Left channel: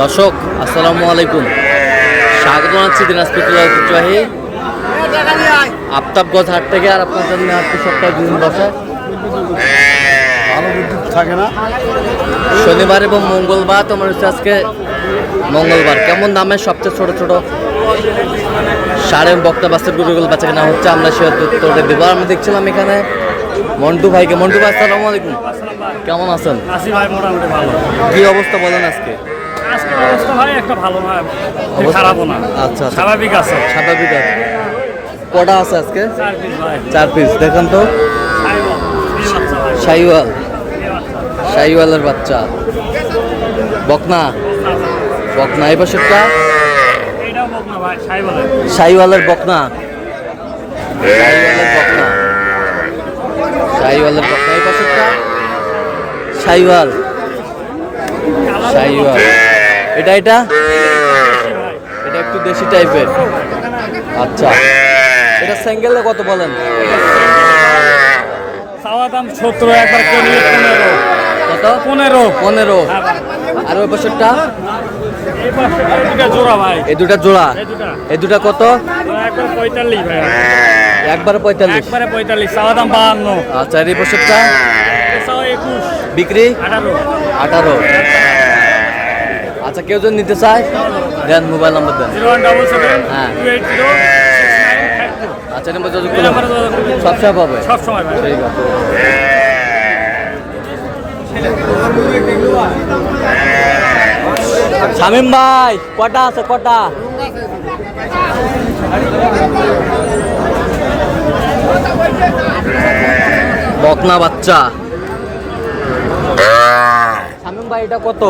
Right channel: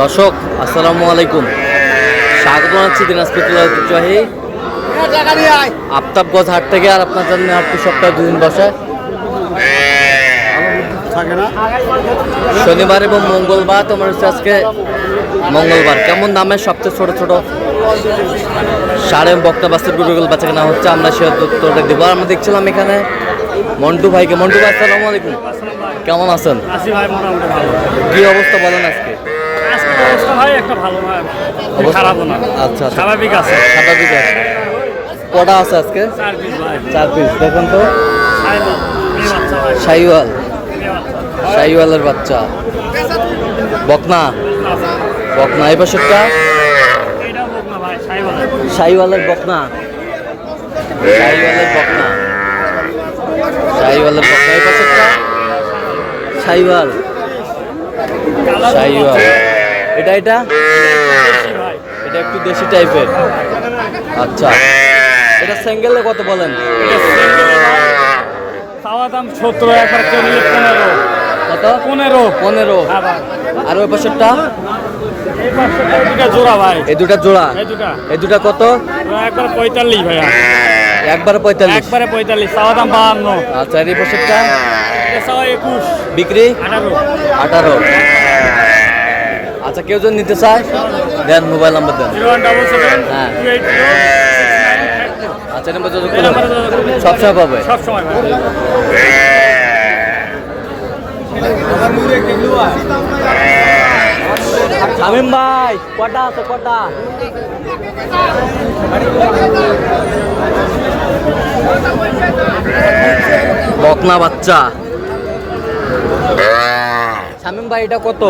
দর্শক আসসালামু আলাইকুম, স্বাগত জানাচ্ছি দিনাজপুর জেলার ঐতিহ্যবাহী আফতাবগঞ্জ হাট থেকে। আর আপনার জন্য হাটটি সপ্তাহে 2 দিন বসে, শনিবার এবং মঙ্গলবার। তোমার হচ্ছে আজকে মঙ্গলবার। কেমন দামে সবচেয়ে ছোট ছোট সাড়ে বক্তা বাস্তার গরুগুলো বাচ্চা কেনা হচ্ছে, আমরা সে উত্তরে দেবো। আমরা দেখছিলাম এখানে মন্টু ভাইকে। মন্টু ভাই আসসালামু আলাইকুম, কেমন আছেন? আছি ভাই, মোটামুটি ভালো। কি অবস্থা বলেন আজকে? আজকের অবস্থা ভাই একটা ভালো না, খারাপও না। আচ্ছা, স্বাভাবিক আছে। স্বাভাবিক আছে। কটা আছে আজকে? 4 পিস ভাই। 4 পিস। দেখেন তো, শাহিওয়াল, শাহিওয়ালের বাচ্চা, বকনা, বকনা। এই পাশেরটা এটাও বকনা ভাই, শাহিওয়ালের। শাহিওয়ালের বকনা, শাহিওয়ালের বকনা, শাহিওয়ালের বকনা। এই পাশেরটা শাহিওয়াল, শাহিওয়াল। এটা এটা এটা একটু দেশি টাইপের। আচ্ছা, এটা সিঙ্গেলে কত বলেন? চাওয়া দাম 70, একবার কেউ নিলে 15। কত? 15। 15। আর ওই পাশেরটা? এই পাশে দুটো জোড়া ভাই। এই দুটা জোড়া। এই দুটা কত? একবার 45 ভাই। একবারে 45। একবারে 45, চাওয়া দাম 52। আচ্ছা, আর এই পাশেরটা? চাওয়া 21, বিক্রি 18। আচ্ছা, কেউ যদি নিতে চায় দেন, মোবাইল নাম্বার দেন। 0177 হ্যাঁ। 280 6952। আচ্ছা, নাম্বার যোগাযোগ করলে সবসময় পাবে। সব সময় ভাই। ঠিক আছে। শামিম ভাই, কটা আছে? কটা? বকনা বাচ্চা। শামিম ভাই, এটা কত?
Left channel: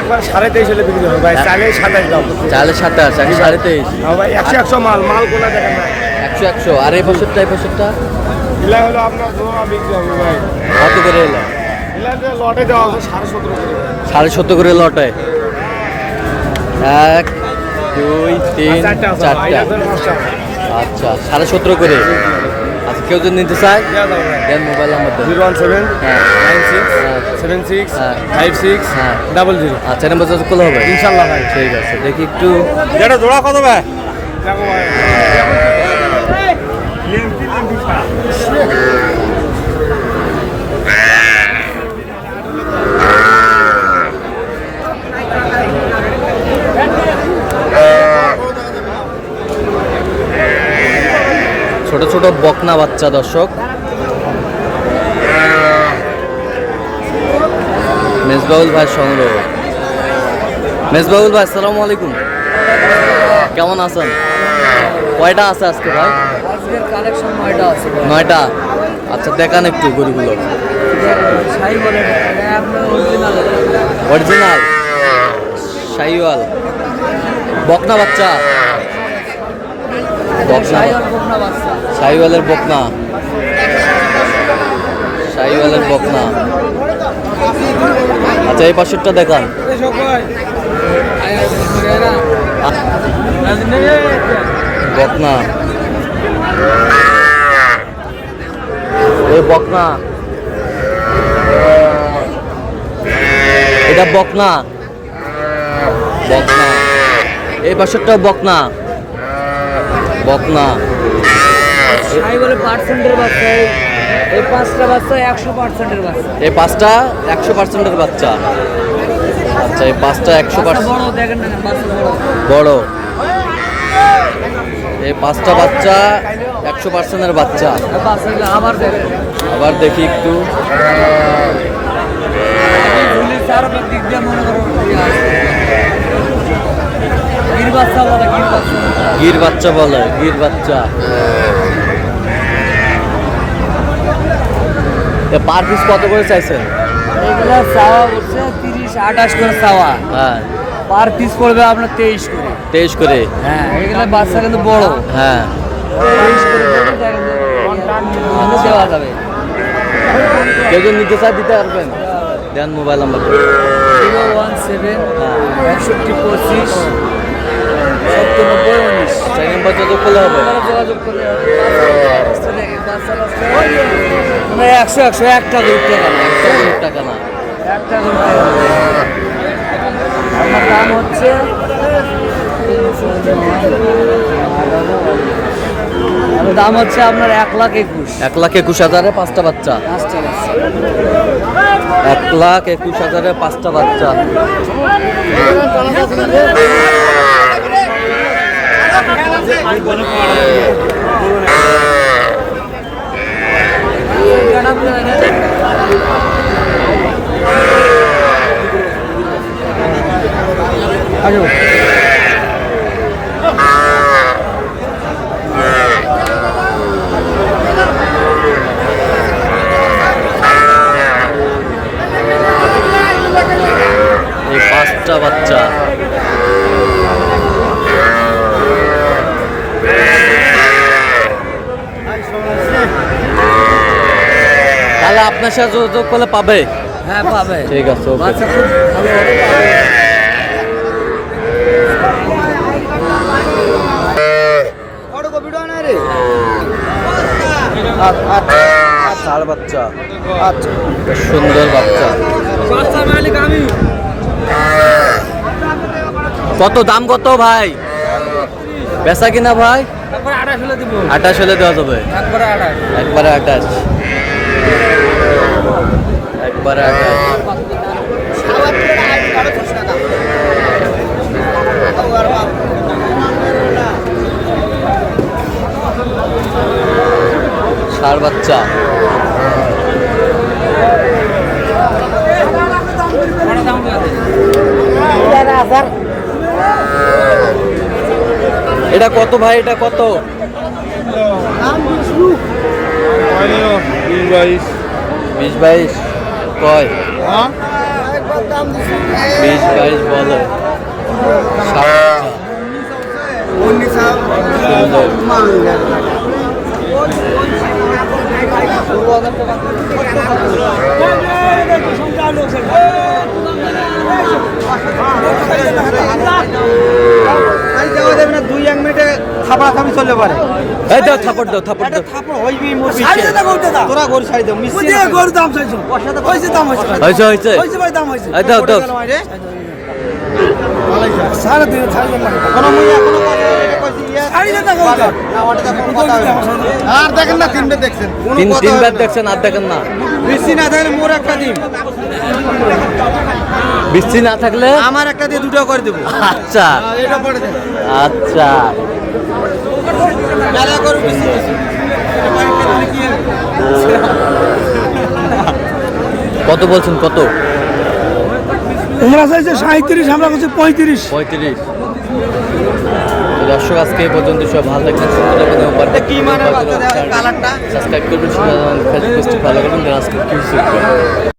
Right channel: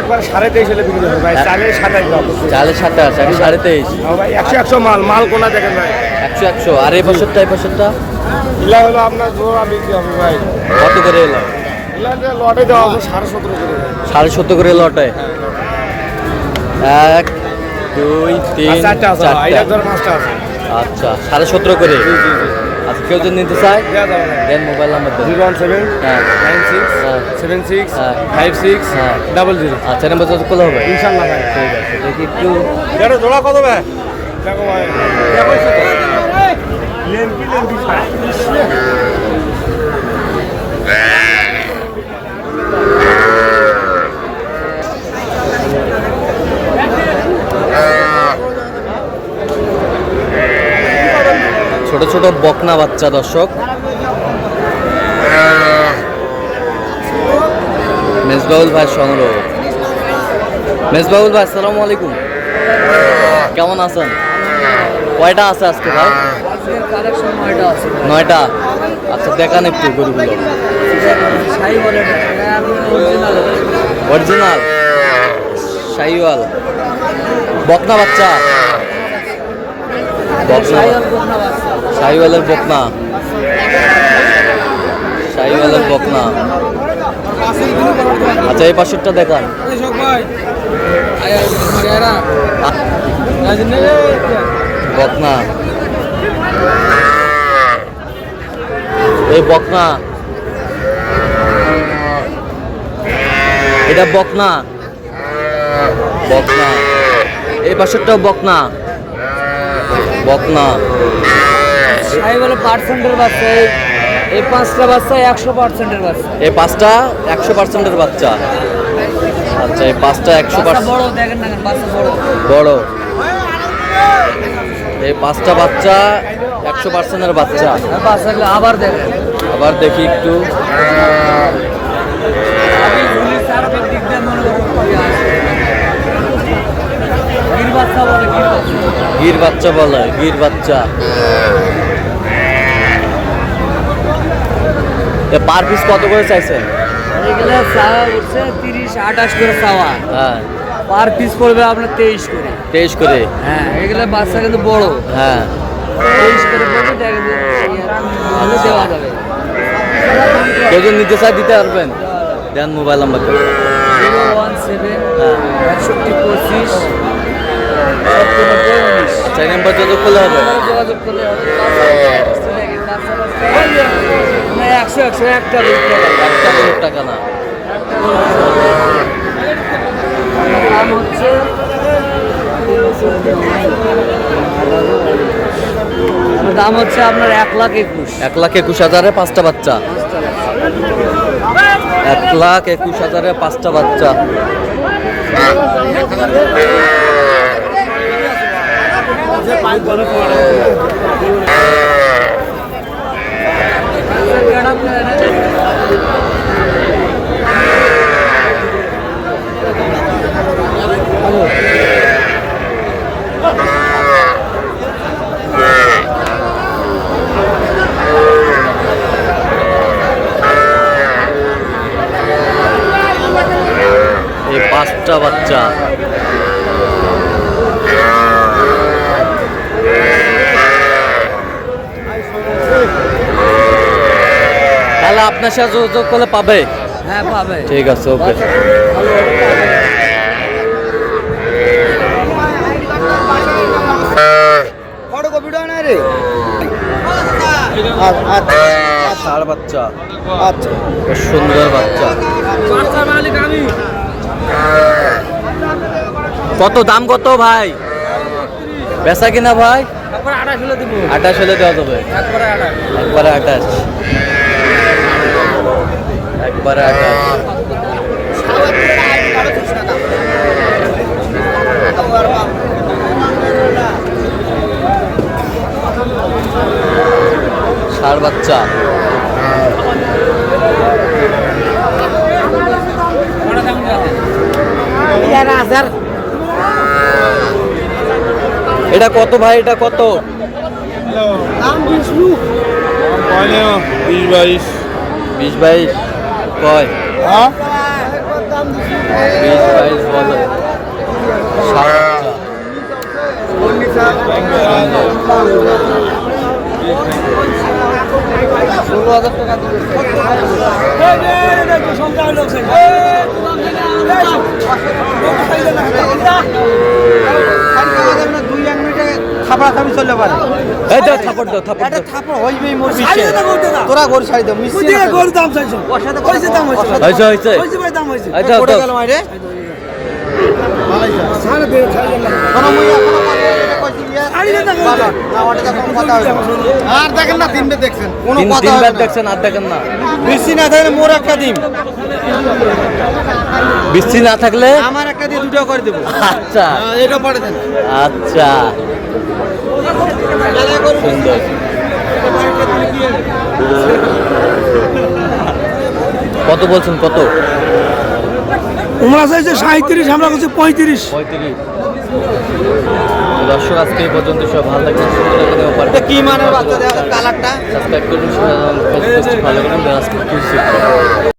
একবার 23.5 হলে বিক্রি হবে ভাই। চালে 27 দাম। চালে 27, আগে 23.5। ভাই 100 মাল কোনা দেখেন ভাই। 100। আর এই বছরটা? এই বছরটা ইলা হলো আপনার জোড়া বিক্রি হবে ভাই। কত করে এলো? ইলা যে লটে দেওয়া আছে 17.5 করে। 17.5 করে লটে। 1 2 3 4টা। আচ্ছা, 17.5 করে। আচ্ছা, কেউ যদি নিতে চায় দেন, মোবাইল নাম্বার দেন। 017 হ্যাঁ 96 হ্যাঁ 76 হ্যাঁ 56 হ্যাঁ 00। আচ্ছা, নাম্বার যোগাযোগ করলে হবে ইনশাআল্লাহ ভাই। ঠিক আছে। দেখি একটু। এটা জোড়া কত ভাই? দেখো ভাই, লেংটি ছাড়া। ছোট ছোট বকনা বাচ্চা। দর্শক, মেজবাউল ভাই সংগ্রহ। মেজবাউল ভাই আসসালামু আলাইকুম, কেমন আছেন? কয়টা আছে আজকে ভাই? আজকের কালেকশন 9টা আছে। 9টা। আচ্ছা, দেখান একটু গরুগুলো। শাহিওয়ালের, এটা আপনার অরিজিনাল। অরিজিনাল শাহিওয়াল বকনা বাচ্চা। বকনা, বকনা বাচ্চা। শাহিওয়ালের বকনা, শাহিওয়ালের বকনা। আচ্ছা, এই পাশেরটা দেখান। বকনা, এই বকনা, এটা বকনা, বকনা। এই পাশেরটাও বকনা, বকনা। শাহিওয়ালের পার্সেন্টের বাচ্চা। এই 5টা বাচ্চা 100%-এর বাচ্চা। এই 5টা 100%-এর বাচ্চা। আচ্ছা, এই 5টা 100%। বড় দেখেন না, বাচ্চা বড় বড়। এই 5টা বাচ্চা 100%-এর বাচ্চা। বাচ্চাগুলো আবার দেখেন। আবার দেখি একটু। আগে ঝুলি চার দিক দিয়ে মনে করো গির বাচ্চা বলে, গির বাচ্চা বলে, গির বাচ্চা। পার পিস কত করে চাইছেন? এগুলা চাওয়া উঠছে 30-28 করে চাওয়া। হ্যাঁ, পার পিস পড়বে আপনার 23 করে। 23 করে। হ্যাঁ, এগুলা বাচ্চা কিন্তু বড়। হ্যাঁ, 23 করে পড়বে, দেখেন দেওয়া যাবে। কেউ যদি নিতে চায় দিতে পারবেন? দেন, মোবাইল নাম্বার দেন। 017 হ্যাঁ 61 25 97 19। আচ্ছা, এই নাম্বার যোগাযোগ করলে হবে। যোগাযোগ করলে হবে। 100 100 একটা একটা টাকা না। একটা দাম হচ্ছে আপনার 1,21,000। 1,21,000-এ 5টা বাচ্চা। 1,21,000-এ 5টা বাচ্চা। এই 5টা বাচ্চা। তাহলে আপনার সাথে যোগাযোগ করলে পাবে? হ্যাঁ পাবে। ঠিক আছে, ওকে। ষাঁড় বাচ্চা। আচ্ছা বেশ সুন্দর বাচ্চা। কত দাম কত ভাই? বেচা কিনা ভাই? 28 হলে দেওয়া যাবে। একবারে 28। একবারে 28। ষাঁড় বাচ্চা। এটা কত ভাই? এটা কত? 20-22 কয়? 20-22 বলে। ষাঁড় বাচ্চা। সুন্দর। খাবি চলতে পারে। এই দাও থাপড় দাও, থাপড় দাও। তোরা গরু ছাড়ি দাও, মিশছে না গরু দাম চাইছো। কইছে দাম হইছে। হইছে হইছে। কইছে ভাই দাম হইছে। এই দাও দাও। ছাড় দে, ছাড়ি দেন না। কোন মই এখনো কথা এটা কইছি ইয়া। ছাড়ি দেন না বালট। না ওটাতে কোন কথা হইছে। আর দেখেন না তিনবার দেখছেন। কোন কথা তিনবার দেখছেন আর দেখেন না। মিশছি না থাকলে মোর একটা দিন। বৃষ্টি না থাকলে আমার একটা দিয়ে দুটো করে দেব। আচ্ছা এটা পড়ে দেন। আচ্ছা সুন্দর। কত বলছেন? কত? তোমরা চাইছে 37, আমরা কাছে 35। 35। দর্শক আজকে এই পর্যন্ত, সব ভালো থাকবেন, সাবস্ক্রাইব করবেন, ফেসবুক ফলো করবেন, আজকে কি শিখবেন।